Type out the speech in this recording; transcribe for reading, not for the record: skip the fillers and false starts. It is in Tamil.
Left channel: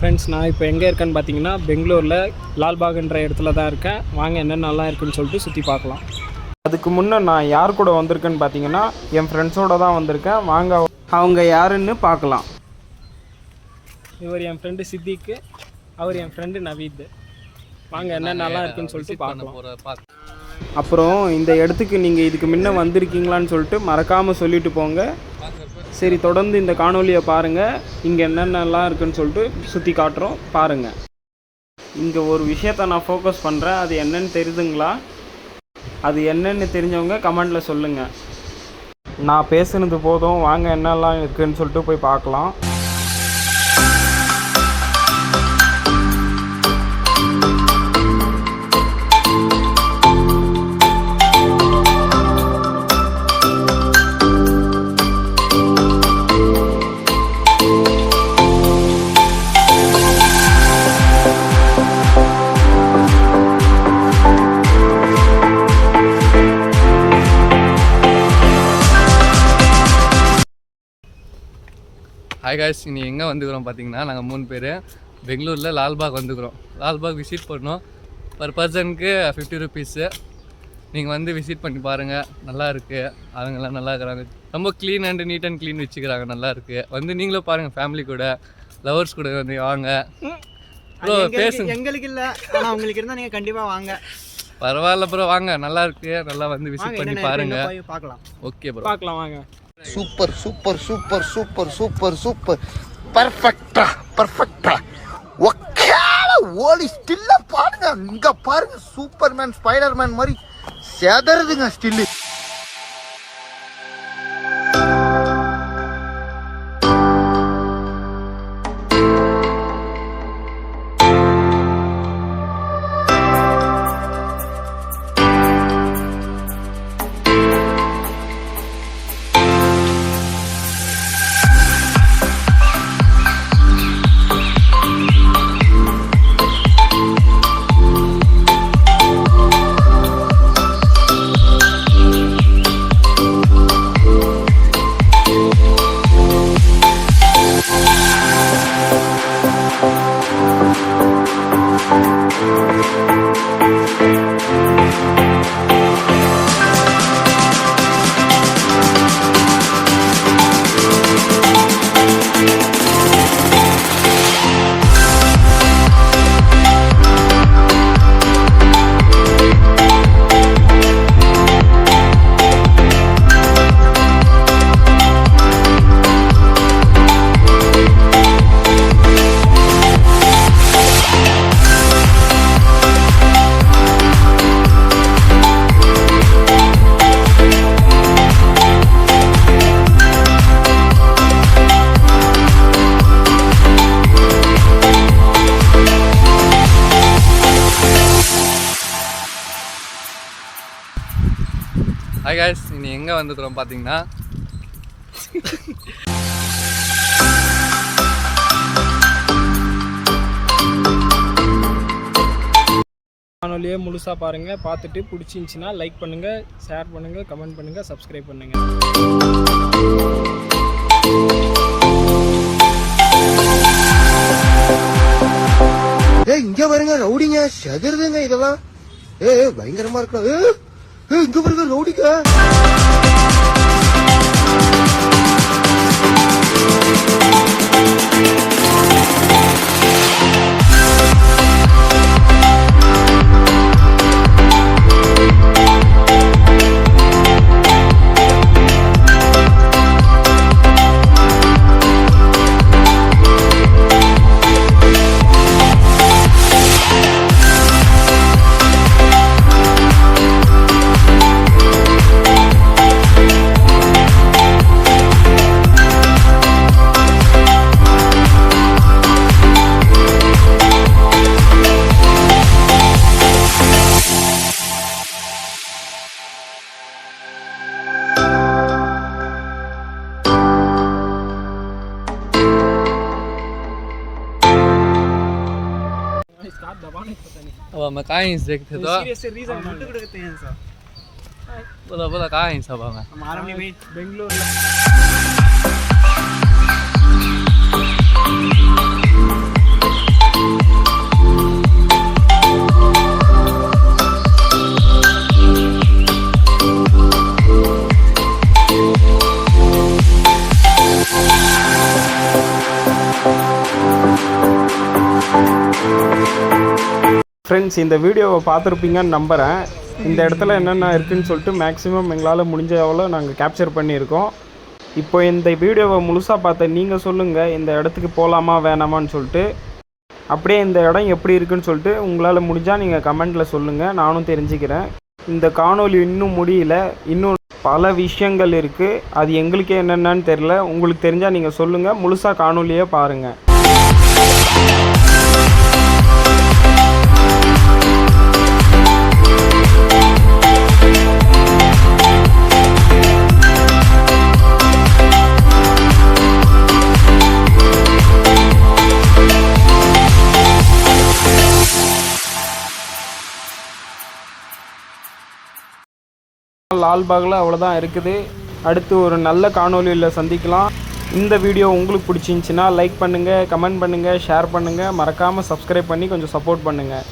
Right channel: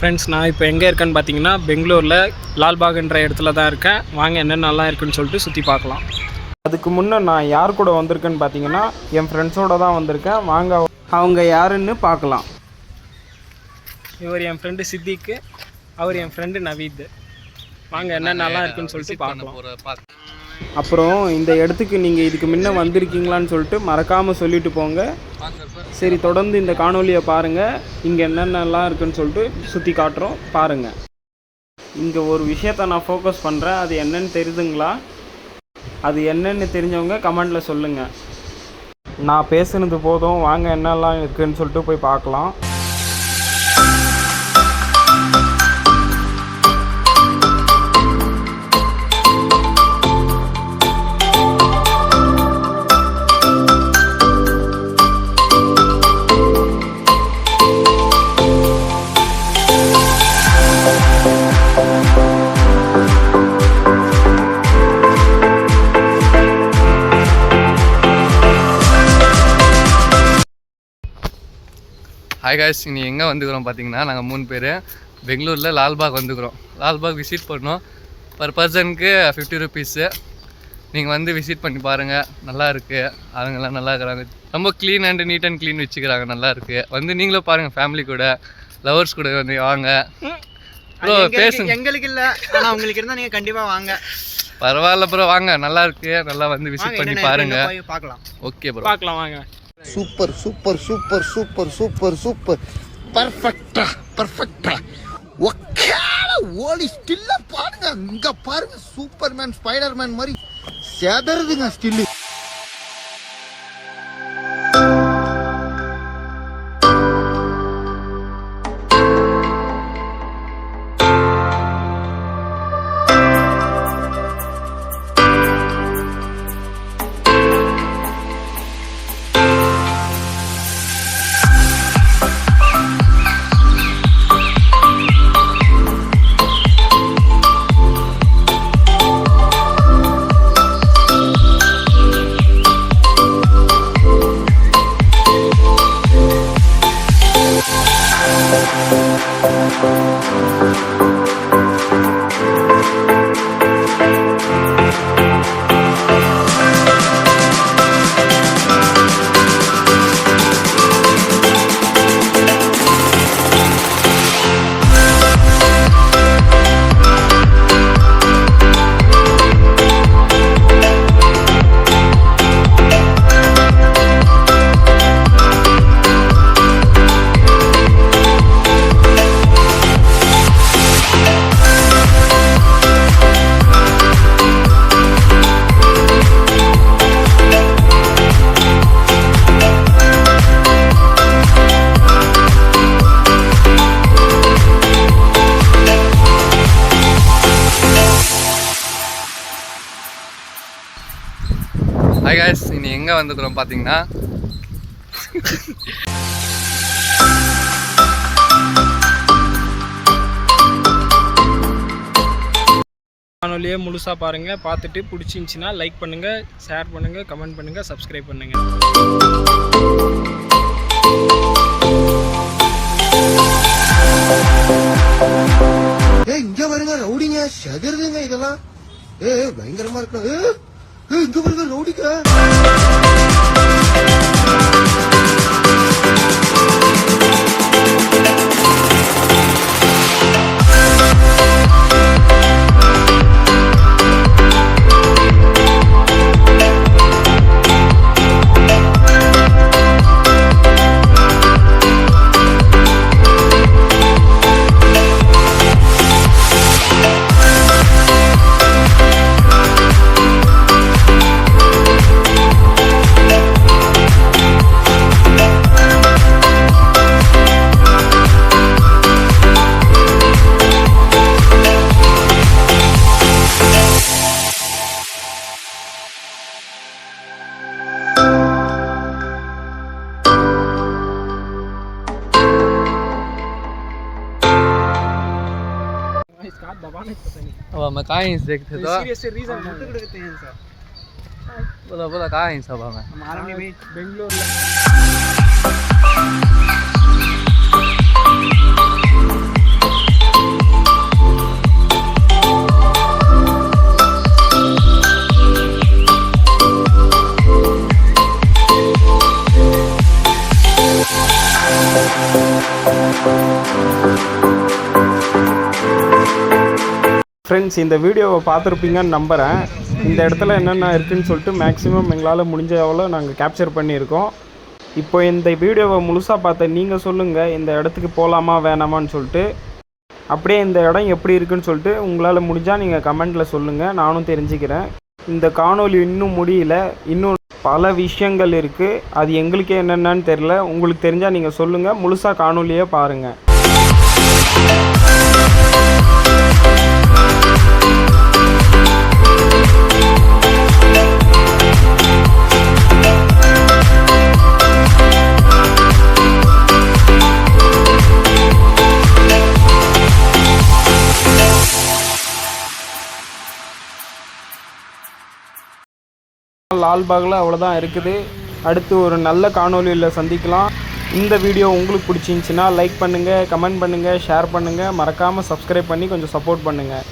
ஃப்ரெண்ட்ஸ், நான் இப்போ எங்கே இருக்கேன்னு பார்த்தீங்கன்னா பெங்களூரில் லால்பாக்ன்ற இடத்துல தான் இருக்கேன். வாங்க என்னென்னலாம் இருக்குன்னு சொல்லிட்டு சுற்றி பார்க்கலாம். அதுக்கு முன்னே நான் யார் கூட வந்திருக்கேன்னு பார்த்தீங்கன்னா என் ஃப்ரெண்ட்ஸோடு தான் வந்திருக்கேன். வாங்க அவங்க யாருன்னு பார்க்கலாம். இவர் என் ஃப்ரெண்டு சித்திக்கு, அவர் என் ஃப்ரெண்டு நவீத். வாங்க என்னென்னலாம் இருக்குன்னு சொல்லிட்டு பார்க்கலாம். அப்புறம் இந்த இடத்துக்கு நீங்கள் இதுக்கு முன்ன வந்திருக்கீங்களான்னு சொல்லிட்டு மறக்காமல் சொல்லிட்டு போங்க. சரி, தொடர்ந்து இந்த காணொலியை பாருங்கள். இங்கே என்னென்னலாம் இருக்குன்னு சொல்லிட்டு சுற்றி காட்டுறோம், பாருங்கள். இங்கே ஒரு விஷயத்தை நான் ஃபோக்கஸ் பண்ணுறேன். அது என்னன்னு தெரியுதுங்களா? அது என்னென்னு தெரிஞ்சவங்க கமெண்டில் சொல்லுங்கள். நான் பேசுனது போதும், வாங்க என்னெல்லாம் இருக்குதுன்னு சொல்லிட்டு போய் பார்க்கலாம். ஹாய் காய்ஸ், இனி எங்கே வந்துக்கிறோம் பார்த்தீங்கன்னா, நாங்கள் 3 பேர் பெங்களூரில் லால்பாக் வந்துக்கிறோம். லால்பாக் விசிட் பண்ணோம். பர் பர்சனுக்கு 50 ருபீஸு. நீங்கள் வந்து விசிட் பண்ணி பாருங்கள், நல்லா இருக்குது. அவங்கெல்லாம் நல்லா இருக்கிறாங்க. ரொம்ப clean and neat and clean வச்சுக்கிறாங்க, நல்லா இருக்குது. வந்து நீங்களும் பாருங்கள், ஃபேமிலி கூட, லவர்ஸ் கூட வந்து வாங்க. ப்ரோ பேசுங்க. எங்களுக்கு இல்லை, ஆனால் உங்களுக்கு இருந்தால் நீங்கள் கண்டிப்பாக வாங்க. பரவாயில்ல ப்ரோ, வாங்க, நல்லா இருக்குது. நல்லா வந்து விசிட் பண்ணி பாருங்கள். பார்க்கலாம். ஓகே ப்ரோ, பார்க்கலாம் வாங்க. Super super super super super super பர்ஃபெக்டா ஓடி ஸ்டில்ல பாருங்க. இங்க பாருங்க, சூப்பர்மேன் ஸ்பைடர்மேன் மாதிரி சேதறதுங்க ஸ்டில்லு. ஹாய் காய்ஸ், இனி எங்கே வந்துக்கிறோம் பார்த்தீங்கன்னா, காணொலியே முழுசாக பாருங்கள். பார்த்துட்டு பிடிச்சிருந்துச்சின்னா லைக் பண்ணுங்கள், ஷேர் பண்ணுங்கள், கமெண்ட் பண்ணுங்கள், சப்ஸ்கிரைப் பண்ணுங்கள். இங்க பாருங்க, ரவுடிங்க செதறுதுங்க. இதெல்லாம் பயங்கரமா இருக்கு. இங்க பாருங்க, ரவுடிங்க. अब हमें कहाँ इंच देखते तो बोला बोला कहाँ इंच अब हमें बेंगलोर ஃப்ரெண்ட்ஸ், இந்த வீடியோவை பார்த்துருப்பீங்கன்னு நம்புகிறேன். இந்த இடத்துல என்னென்ன இருக்குதுன்னு சொல்லிட்டு மேக்ஸிமம் எங்களால் முடிஞ்ச எவ்வளோ நாங்கள் கேப்சர் பண்ணியிருக்கோம். இப்போ இந்த வீடியோவை முழுசாக பார்த்த நீங்கள் சொல்லுங்கள், இந்த இடத்துக்கு போகலாமா வேணாமான்னு சொல்லிட்டு. அப்படியே இந்த இடம் எப்படி இருக்குன்னு சொல்லிட்டு உங்களால் முடிஞ்சால் நீங்கள் கமெண்ட்டில் சொல்லுங்கள், நானும் தெரிஞ்சுக்கிறேன். இந்த காணொளி இன்னும் முடியல, இன்னும் பல விஷயங்கள் இருக்குது. அது எங்களுக்கே என்னென்னு தெரில. உங்களுக்கு தெரிஞ்சால் நீங்கள் சொல்லுங்கள், முழுசாக காணொலியே பாருங்கள். லால்பாகில் அவ்வளோதான் இருக்குது. அடுத்து ஒரு நல்ல காணொலியில் சந்திக்கலாம். இந்த வீடியோ உங்களுக்கு பிடிச்சிருந்துச்சின்னா லைக் பண்ணுங்கள், கமெண்ட் பண்ணுங்கள், ஷேர் பண்ணுங்கள். மறக்காமல் சப்ஸ்கிரைப் பண்ணி கொஞ்சம் சப்போர்ட் பண்ணுங்கள்.